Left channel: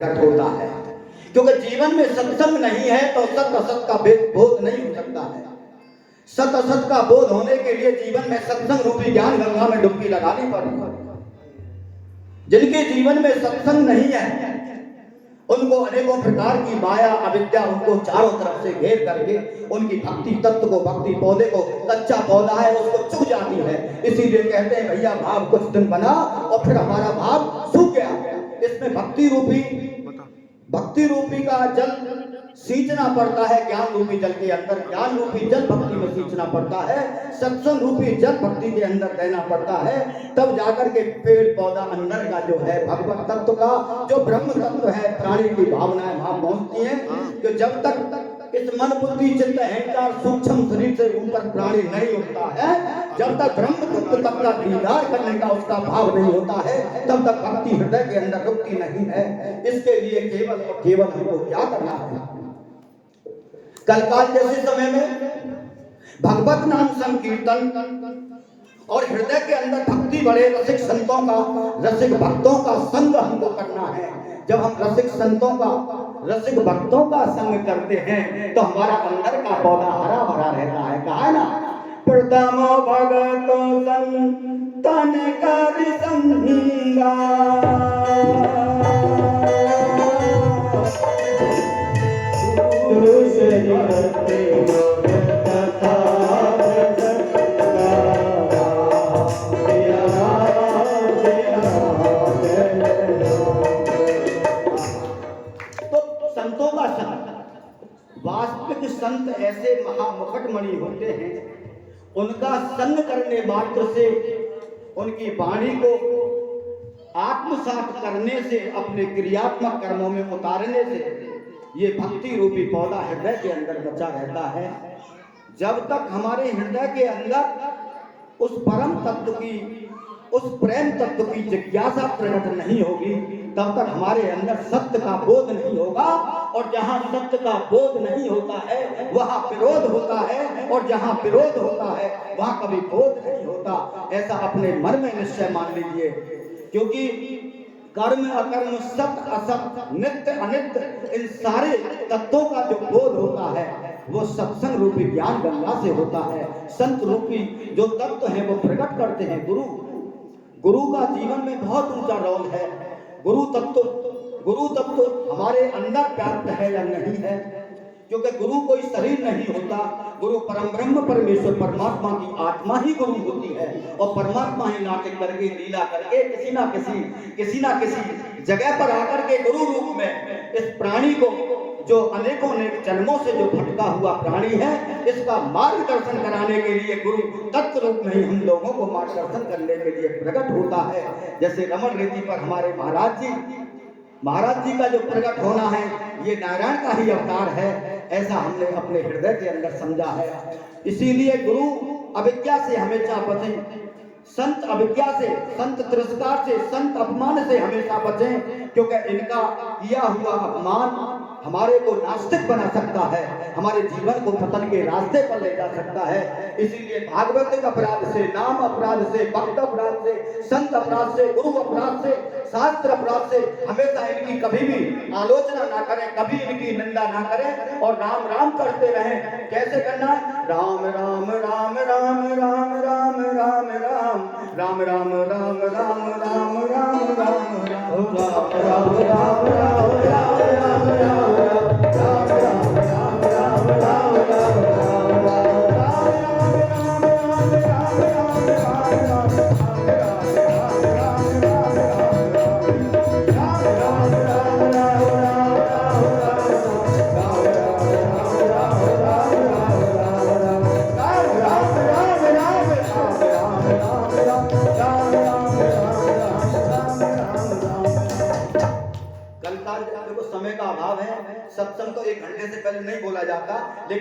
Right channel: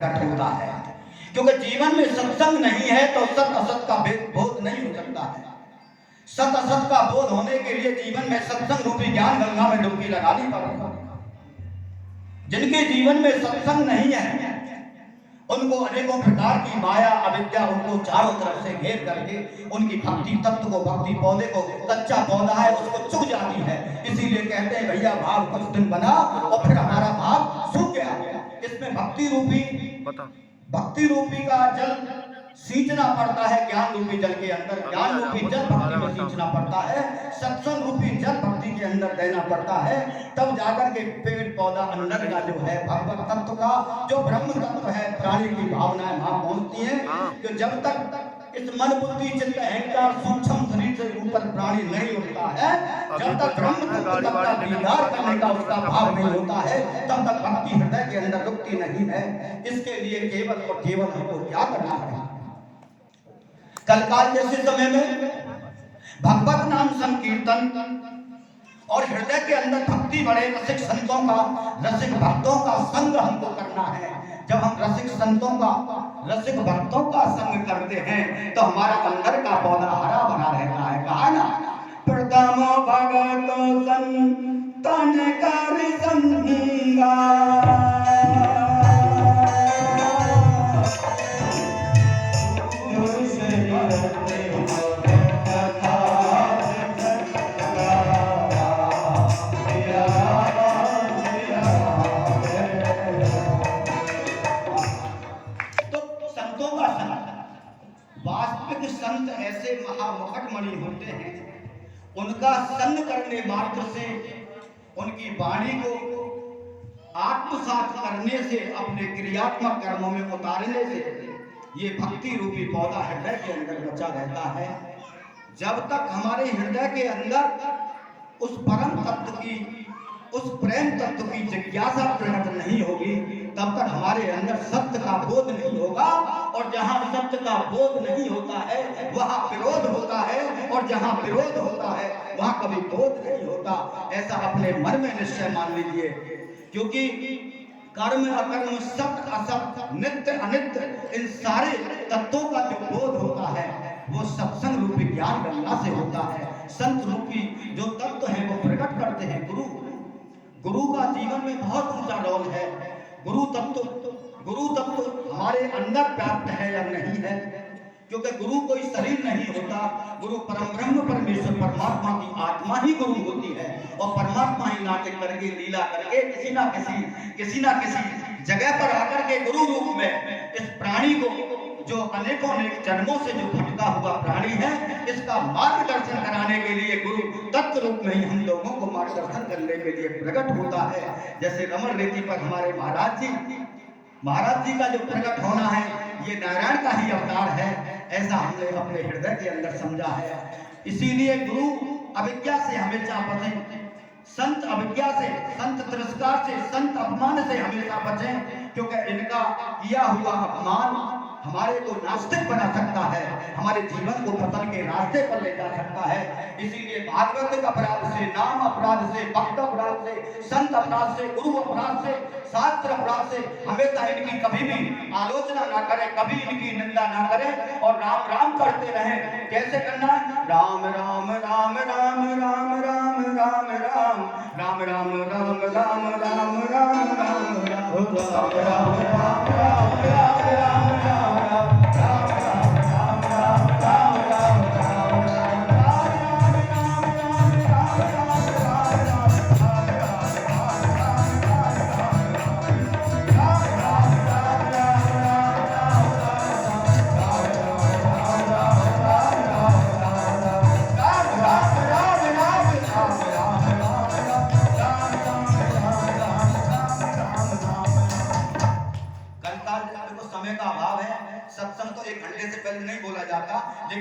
होता है, क्योंकि जीवन में सत्संग नहीं है तो सत असत का बोध नहीं हो सकता है। सत असत का बोध होने के लिए जीवन में सत्संग रूपी ज्ञान गंगा में डुबकी लगानी पड़ती। जिनके जीवन में सत्संग नहीं है उनको अनेकों प्रकार की माया अविद्या उनको चारों तरफ से घेर करके उनकी भक्ति तत्व को, भक्ति पौधे को, कच्चा पौधा है उसको चुग जाती है। इसीलिए कहते हैं भैया भाव कुछ दिन बना और फिर हमारा भाव सूख गया। इसमें भक्ति रूपी का जल सींचना पड़ता है, ज्ञान रूपी जल के अंदर ज्ञान रूपी जल भक्ति में सींचना पड़ता है, सत्संग रूपी जल भक्ति के अंदर देना पड़ता है। तब जाकर के पेड़ पौधा अंदर का जो है भगवत तत्व का जो ब्रह्म तत्व है प्राणी की भावनाएं वहां पहुंचती हैं। तो जब तक इस मन बुद्धि चित्त अहंकार सूक्ष्म शरीर से ऊपर प्राणी नहीं उठता है, जब तक ब्रह्म तत्व तक का दीदार करने का उसका भाव नहीं होता है, तब तक भक्ति हृदय के अंदर रुकती नहीं है। इसके लिए केवल और केवल हमको क्या करना है, कलकाल जैसे समय में भगवत नाम संकीर्तन और हृदय के अंदर भक्ति बड़े रसिक संतों का, रसिक भक्तों का संग हमको करना है। जब हम रसिक संतों का, रसिक भक्तों का संग करते हैं तो हमारा अंदर का पौधा हरा भरा रहता है। कहा ना, प्रथम भगतो संतन कर संगा वास्तविक संत ऐसे महामुकुटमणि होते हैं, उनका संग करने मात्र से, उनकी वाणी को आत्मसात करने से, अपने क्रियात्मक कर्मों में उतारने से ये भक्ति रूपी पौधा हृदय के अंदर बचा रहता है। जब तक हमारे हृदय के अंदर उस परम तत्व की, उस प्रेम तत्व की जिज्ञासा प्रकट नहीं होगी, तब तक हमारे अंदर सत्य का बोध नहीं होगा। और जहां सत्य का बोध नहीं होता है वहां विरोध होता है, और जहां विरोध होता है वहां कभी बोध नहीं होता। ऐसा अपने मन में निश्चय मान लीजिए, क्योंकि कर्म अकर्म, सत्य असत्य, नित्य अनित्य, इन सारे तत्वों का जो बोध होता है वो सत्संग रूपी ज्ञान गंगा से होता है। संत रूपी जो तत्व है वो प्रकट करते हैं। गुरु का जीवन में बहुत ऊंचा रोल है। गुरु तत्व हमारे अंदर प्राप्त है या नहीं है, क्योंकि गुरु कोई शरीर नहीं होता। गुरु परम ब्रह्म परमेश्वर परमात्मा की आत्मा ही गुरु होती है, और परमात्मा ही नाटक करके, लीला करके किसी ना किसी जगह पर आकर के गुरु रूप में इस प्राणी को, जो अनेकों अनेक जन्मों से जो भटका हुआ प्राणी है, इसका मार्गदर्शन कराने के लिए गुरु तत्व रूप में ही हम लोगों को मार्गदर्शन करने के लिए प्रकट होता है। जैसे रमण रीति पर हमारे महाराज जी का जो प्रकट होना है ये नारायण का ही अवतार है, ऐसा हमने अपने हृदय के अंदर समझा है। इसीलिए गुरु अविद्या से हमेशा बचें, संत अविद्या से, संत तिरस्कार से, संत अपमान से हमेशा बचें, क्योंकि इनका किया हुआ अपमान हमारे को नास्तिक बना सकता है, हमारे जीवन को पतन के रास्ते पर ले जा सकता है। इसीलिए भागवतिक अपराध से, नाम अपराध से, भक्त अपराध से, संत अपराध से, गुरु अपराध से, शास्त्र अपराध से हमेशा इनकी कभी भी आलोचना ना करें, कभी इनकी निंदा ना करें, और राम राम करते रहें। कैसे करना है? राम राम राम राम राम राम राम राम राम राम राम राम राम राम राम राम राम राम समय का अभाव है। सत्संग तो 1 घंटे से पहले नहीं बोला जाता, लेकिन